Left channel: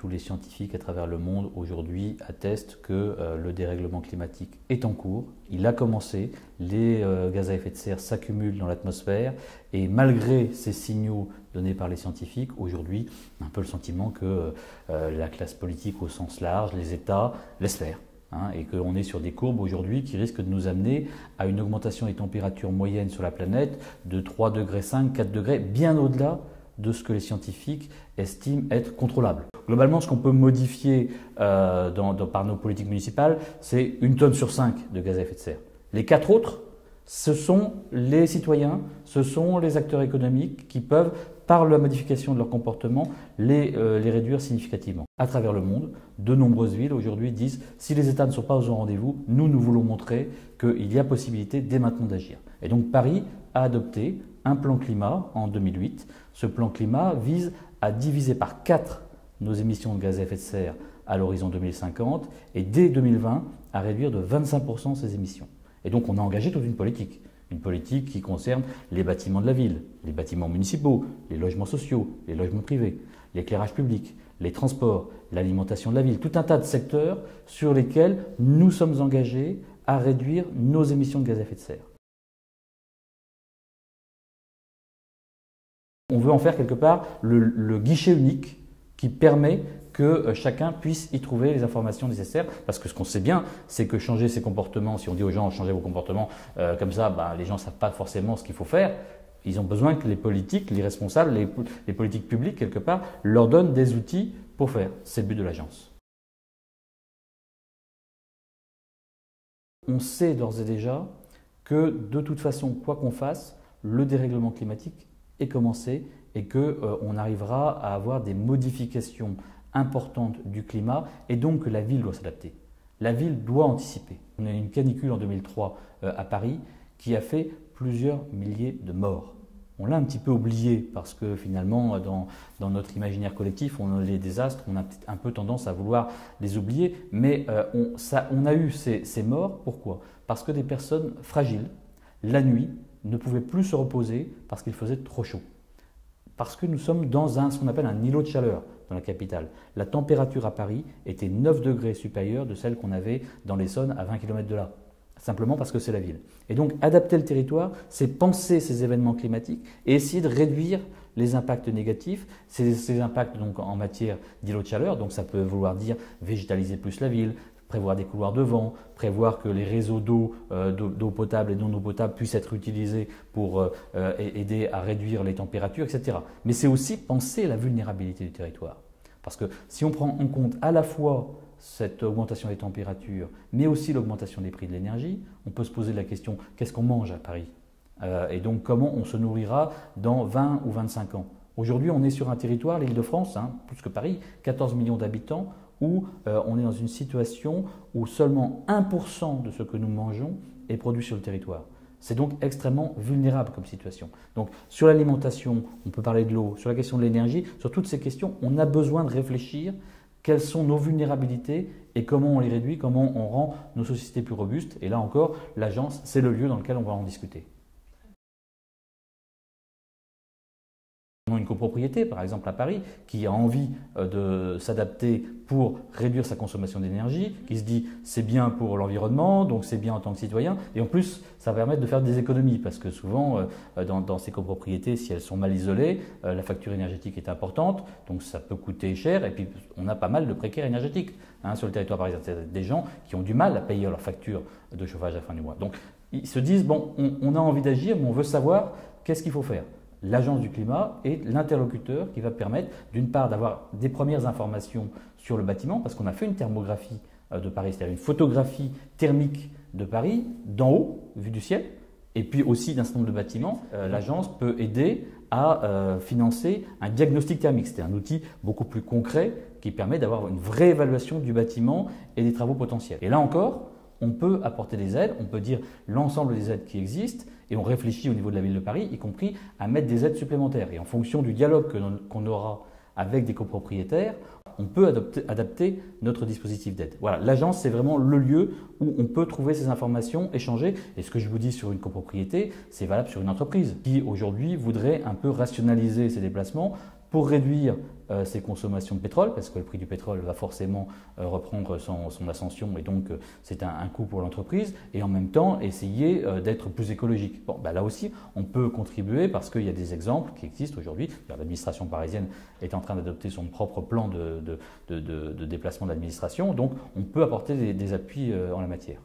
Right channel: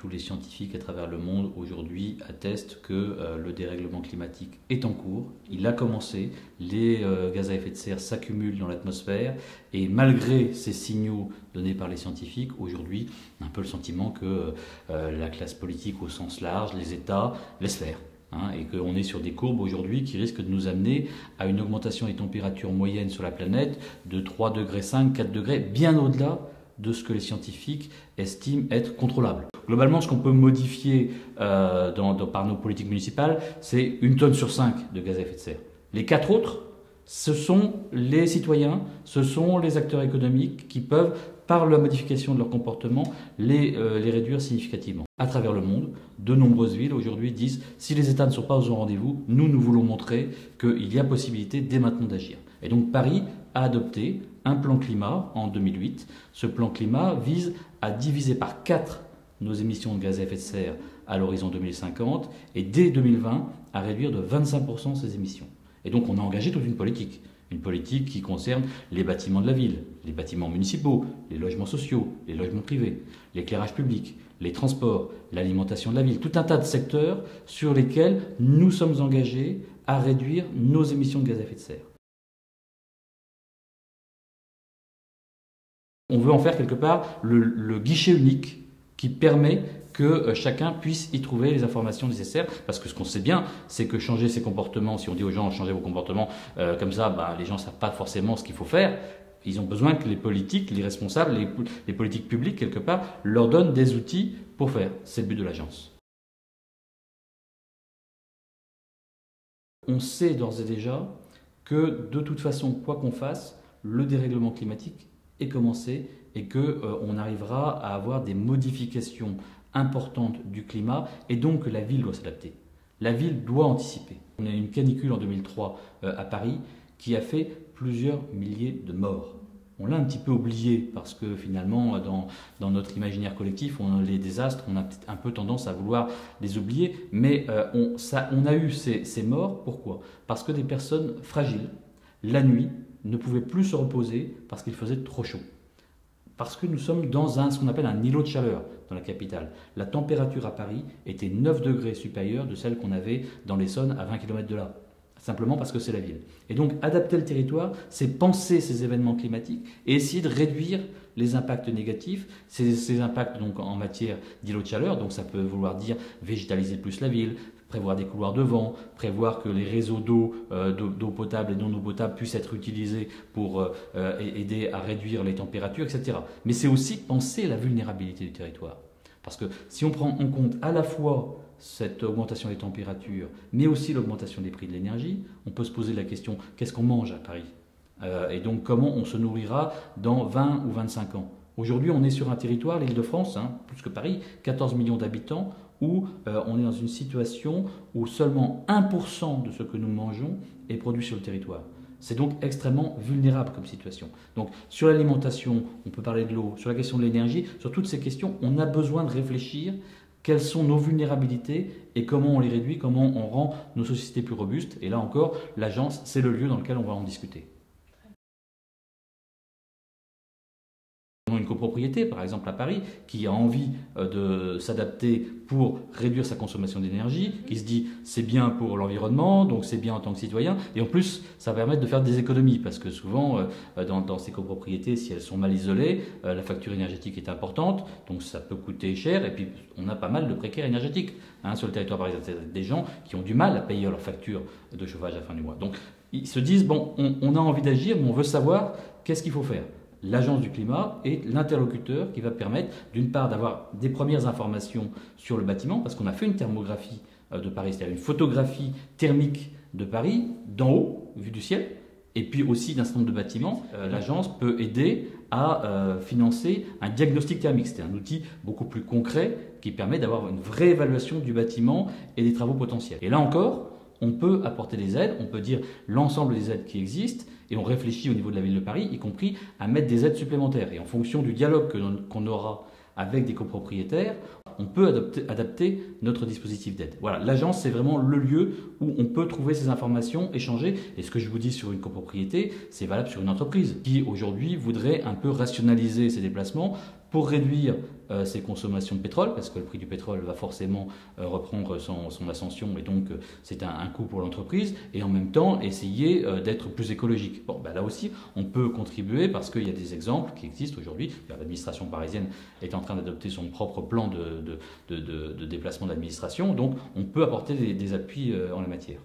Tous les scientifiques à travers le monde aujourd'hui attestent que le dérèglement climatique est en cours. Il a commencé, les gaz à effet de serre s'accumulent dans l'atmosphère et malgré ces signaux donnés par les scientifiques, aujourd'hui, on a un peu le sentiment que la classe politique au sens large, les États, laissent faire. Et qu'on est sur des courbes aujourd'hui qui risquent de nous amener à une augmentation des températures moyennes sur la planète de 3,5 degrés, 4 degrés, bien au-delà de ce que les scientifiques estiment être contrôlable. Globalement, ce qu'on peut modifier par nos politiques municipales, c'est 1 tonne sur 5 de gaz à effet de serre. Les 4 autres, ce sont les citoyens, ce sont les acteurs économiques qui peuvent, par la modification de leur comportement, les réduire significativement. À travers le monde, de nombreuses villes aujourd'hui disent si les États ne sont pas au rendez-vous, nous voulons montrer qu'il y a possibilité dès maintenant d'agir. Et donc Paris a adopté un plan climat en 2008. Ce plan climat vise à diviser par 4 nos émissions de gaz à effet de serre à l'horizon 2050 et dès 2020 à réduire de 25% ces émissions. Et donc on a engagé toute une politique qui concerne les bâtiments de la ville, les bâtiments municipaux, les logements sociaux, les logements privés, l'éclairage public, les transports, l'alimentation de la ville, tout un tas de secteurs sur lesquels nous sommes engagés à réduire nos émissions de gaz à effet de serre. On veut en faire quelque part le guichet unique qui permet que chacun puisse y trouver les informations nécessaires. Parce que ce qu'on sait bien, c'est que changer ses comportements, si on dit aux gens changez vos comportements comme ça, les gens ne savent pas forcément ce qu'il faut faire. Ils ont besoin que les politiques, les responsables, les politiques publiques, quelque part, leur donnent des outils pour faire. C'est le but de l'agence. On sait d'ores et déjà que de toute façon, quoi qu'on fasse, le dérèglement climatique est commencé et qu'on arrivera à avoir des modifications importantes du climat et donc que la ville doit s'adapter. La ville doit anticiper. On a eu une canicule en 2003 à Paris qui a fait plusieurs milliers de morts. On l'a un petit peu oublié parce que finalement, dans notre imaginaire collectif, les désastres, on a peut-être un peu tendance à vouloir les oublier, mais on a eu ces morts. Pourquoi? Parce que des personnes fragiles, la nuit, ne pouvaient plus se reposer parce qu'il faisait trop chaud. Parce que nous sommes dans ce qu'on appelle un îlot de chaleur dans la capitale. La température à Paris était 9 degrés supérieure de celle qu'on avait dans l'Essonne à 20 km de là. Simplement parce que c'est la ville. Et donc adapter le territoire, c'est penser ces événements climatiques et essayer de réduire les impacts négatifs, ces impacts donc en matière d'îlot de chaleur. Donc ça peut vouloir dire végétaliser plus la ville, prévoir des couloirs de vent, prévoir que les réseaux d'eau potable et non eau potable puissent être utilisés pour aider à réduire les températures, etc. Mais c'est aussi penser la vulnérabilité du territoire. Parce que si on prend en compte à la fois cette augmentation des températures, mais aussi l'augmentation des prix de l'énergie, on peut se poser la question, qu'est-ce qu'on mange à Paris? Et donc comment on se nourrira dans 20 ou 25 ans? Aujourd'hui, on est sur un territoire, l'Île-de-France, plus que Paris, 14 millions d'habitants, où on est dans une situation où seulement 1% de ce que nous mangeons est produit sur le territoire. C'est donc extrêmement vulnérable comme situation. Donc sur l'alimentation, on peut parler de l'eau, sur la question de l'énergie, sur toutes ces questions, on a besoin de réfléchir quelles sont nos vulnérabilités et comment on les réduit, comment on rend nos sociétés plus robustes. Et là encore, l'agence, c'est le lieu dans lequel on va en discuter. Une copropriété, par exemple à Paris, qui a envie de s'adapter pour réduire sa consommation d'énergie, qui se dit c'est bien pour l'environnement, donc c'est bien en tant que citoyen, et en plus ça va permettre de faire des économies, parce que souvent dans ces copropriétés, si elles sont mal isolées, la facture énergétique est importante, donc ça peut coûter cher, et puis on a pas mal de précaires énergétiques sur le territoire parisien, des gens qui ont du mal à payer leur facture de chauffage à la fin du mois. Donc ils se disent bon, on a envie d'agir, mais on veut savoir qu'est-ce qu'il faut faire. L'Agence du climat est l'interlocuteur qui va permettre, d'une part, d'avoir des premières informations sur le bâtiment, parce qu'on a fait une thermographie de Paris, c'est-à-dire une photographie thermique de Paris, d'en haut, vue du ciel, et puis aussi d'un certain nombre de bâtiments. L'agence peut aider à financer un diagnostic thermique. C'est un outil beaucoup plus concret qui permet d'avoir une vraie évaluation du bâtiment et des travaux potentiels. Et là encore, on peut apporter des aides, on peut dire l'ensemble des aides qui existent, et on réfléchit au niveau de la ville de Paris, y compris à mettre des aides supplémentaires. Et en fonction du dialogue qu'on aura avec des copropriétaires, on peut adapter notre dispositif d'aide. Voilà, l'agence, c'est vraiment le lieu où on peut trouver ces informations, échanger. Et ce que je vous dis sur une copropriété, c'est valable sur une entreprise qui aujourd'hui voudrait un peu rationaliser ses déplacements pour réduire ses consommations de pétrole, parce que le prix du pétrole va forcément reprendre son ascension et donc c'est un coût pour l'entreprise, et en même temps essayer d'être plus écologique. Bon, là aussi, on peut contribuer parce qu'il y a des exemples qui existent aujourd'hui. L'administration parisienne est en train d'adopter son propre plan de déplacement d'administration, donc on peut apporter des appuis en la matière.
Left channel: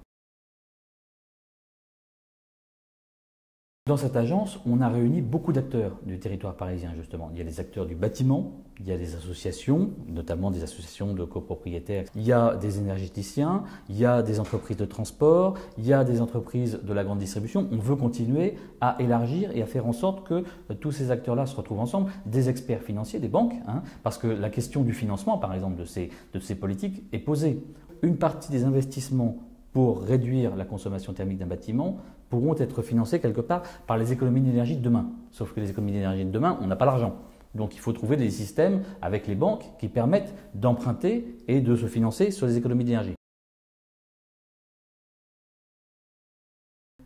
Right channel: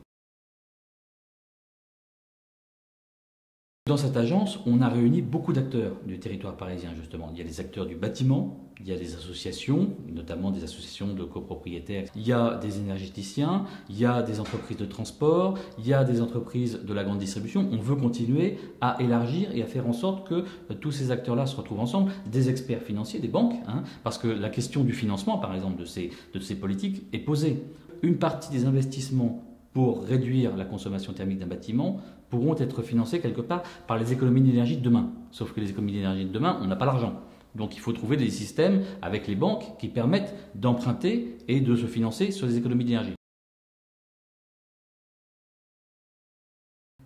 Dans cette agence, on a réuni beaucoup d'acteurs du territoire parisien, justement. Il y a les acteurs du bâtiment, il y a des associations, notamment des associations de copropriétaires, il y a des énergéticiens, il y a des entreprises de transport, il y a des entreprises de la grande distribution. On veut continuer à élargir et à faire en sorte que tous ces acteurs-là se retrouvent ensemble, des experts financiers, des banques, parce que la question du financement, par exemple, de ces politiques est posée. Une partie des investissements pour réduire la consommation thermique d'un bâtiment pourront être financés quelque part par les économies d'énergie de demain. Sauf que les économies d'énergie de demain, on n'a pas l'argent. Donc il faut trouver des systèmes avec les banques qui permettent d'emprunter et de se financer sur les économies d'énergie.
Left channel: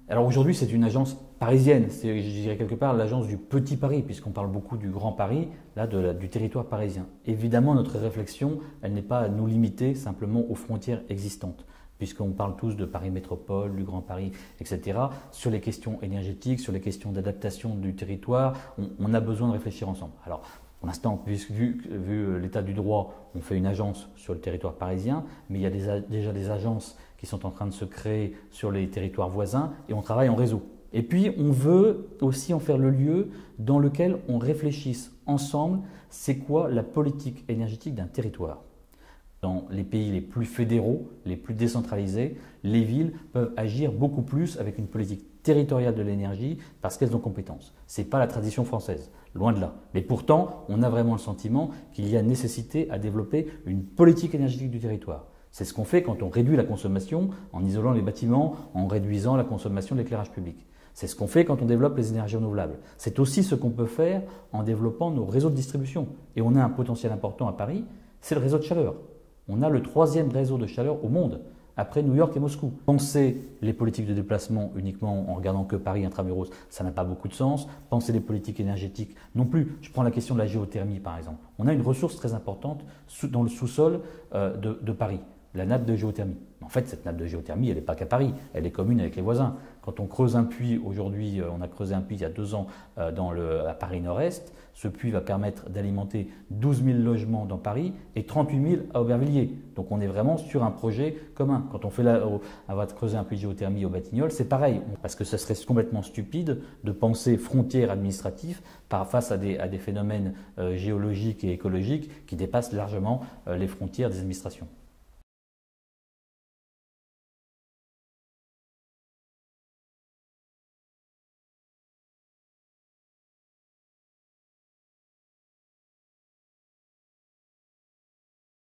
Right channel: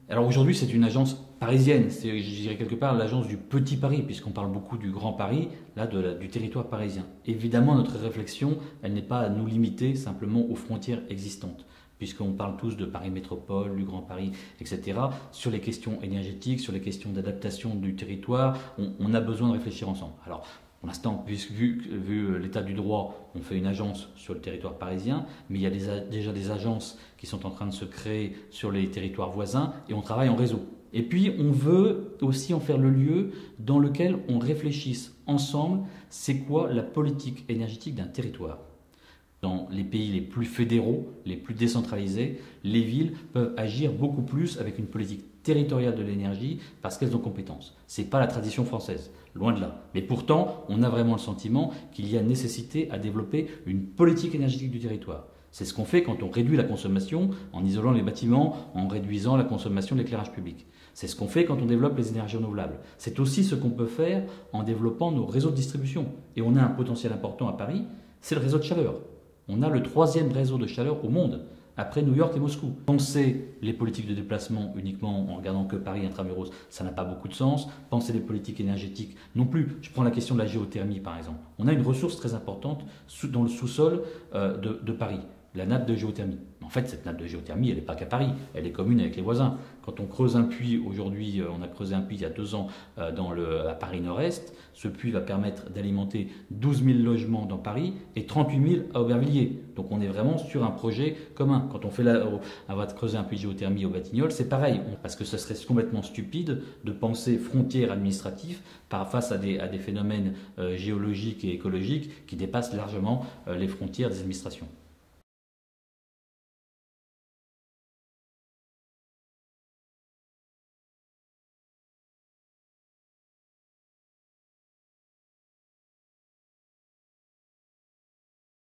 Alors aujourd'hui, c'est une agence parisienne, c'est, je dirais quelque part l'agence du petit Paris, puisqu'on parle beaucoup du grand Paris, là du territoire parisien. Évidemment, notre réflexion, elle n'est pas à nous limiter simplement aux frontières existantes, puisqu'on parle tous de Paris Métropole, du Grand Paris, etc. Sur les questions énergétiques, sur les questions d'adaptation du territoire, on a besoin de réfléchir ensemble. Alors, pour l'instant, vu l'état du droit, on fait une agence sur le territoire parisien, mais il y a déjà des agences qui sont en train de se créer sur les territoires voisins et on travaille en réseau. Et puis, on veut aussi en faire le lieu dans lequel on réfléchisse ensemble, c'est quoi la politique énergétique d'un territoire. Dans les pays les plus fédéraux, les plus décentralisés, les villes peuvent agir beaucoup plus avec une politique territoriale de l'énergie parce qu'elles ont compétence. Ce n'est pas la tradition française, loin de là. Mais pourtant, on a vraiment le sentiment qu'il y a nécessité à développer une politique énergétique du territoire. C'est ce qu'on fait quand on réduit la consommation en isolant les bâtiments, en réduisant la consommation d'éclairage public. C'est ce qu'on fait quand on développe les énergies renouvelables. C'est aussi ce qu'on peut faire en développant nos réseaux de distribution. Et on a un potentiel important à Paris, c'est le réseau de chaleur. On a le 3e réseau de chaleur au monde, après New York et Moscou. Penser les politiques de déplacement uniquement en regardant que Paris intramuros, ça n'a pas beaucoup de sens. Penser les politiques énergétiques non plus. Je prends la question de la géothermie par exemple. On a une ressource très importante dans le sous-sol de Paris, la nappe de géothermie. En fait, cette nappe de géothermie, elle n'est pas qu'à Paris, elle est commune avec les voisins. Quand on creuse un puits, aujourd'hui, on a creusé un puits il y a 2 ans à Paris Nord-Est, ce puits va permettre d'alimenter 12 000 logements dans Paris et 38 000 à Aubervilliers. Donc on est vraiment sur un projet commun. Quand on va creuser un puits de géothermie au Batignolles, c'est pareil, parce que ce serait complètement stupide de penser frontières administratives face à des phénomènes géologiques et écologiques qui dépassent largement les frontières des administrations.